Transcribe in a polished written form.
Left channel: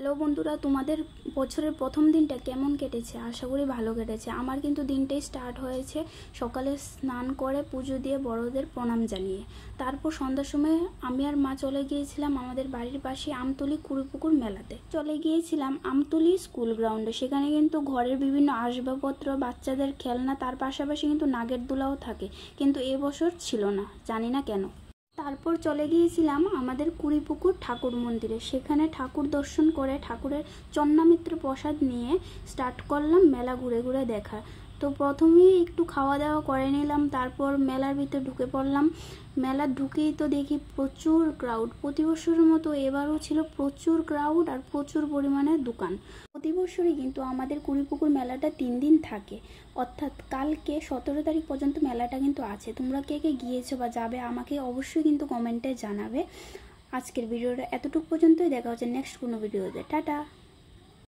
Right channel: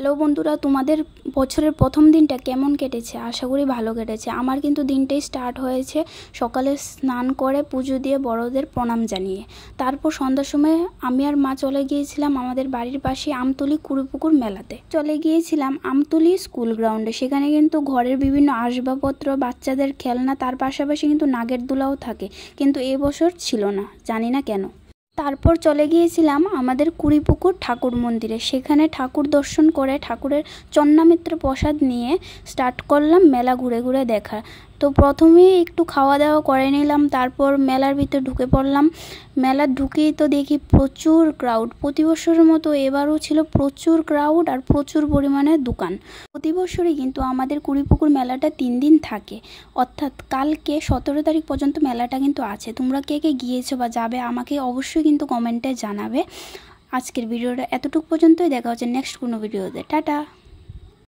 Hello বন্ধুরা, তোমাদের বছরের প্রথম দিনটা কেমন কেটেছে? আশা করি ভালো কেটেছে। আমার কিন্তু দিনটাই স্টার্ট হয়েছে সকালে স্নান করে পুজো দিয়ে বড়দের প্রণাম জানিয়ে। তারপর সন্ধ্যার সময় আমি আর মা চলে গিয়েছিলাম আমাদের বাড়ির পাশে আমতলী কুড়িপুকুর মেলাতে। চলে গিয়েছিলাম আমতলী স্কুল গ্রাউন্ডে। সেখানে কিন্তু ঘরের বিভিন্ন আসবাবপত্র, বাচ্চাদের খেলনা, তার পাশাপাশি কিন্তু নাগের দোলাও থাকে, কিন্তু এবছর ছিল না, জানি না কেন। তারপর চলে গিয়েছিলাম আমাদের কুড়িপুকুর ঠাকুর মন্দিরে। সেখানে ঠাকুর দর্শন করে ঠাকুরের চন্নামিত্র প্রসাদ নিয়ে স্টার্ট করলাম মেলা ঘুরে ঘুরে দেখা। তো প্রথমেই একটু খাওয়া দাওয়া করে নিলাম, তারপর মেলার ভিতর ঢুকে পড়লাম। মেলা ঢুকেই তো দেখি প্রচুর ক্রাউড। প্রতি বছরের মতো এবারও ছিল প্রচুর ক্রাউড আর প্রচুর পরিমাণে দোকান। প্রতি বছরই কিন্তু আমাদের কুড়িপুকুর মেলাটা 3 দিন থাকে, অর্থাৎ কালকে 17 তারিখ পর্যন্ত মেলাটা কিন্তু আছে। তোমরা কে কে গিয়েছো বা যাবে আমাকে অবশ্যই কিন্তু কমেন্টে জানাবে। আজকের ভিডিওটা এতটুকু পর্যন্তই। দেখা হচ্ছে নেক্সট কোনো ভিডিওতে। টাটা।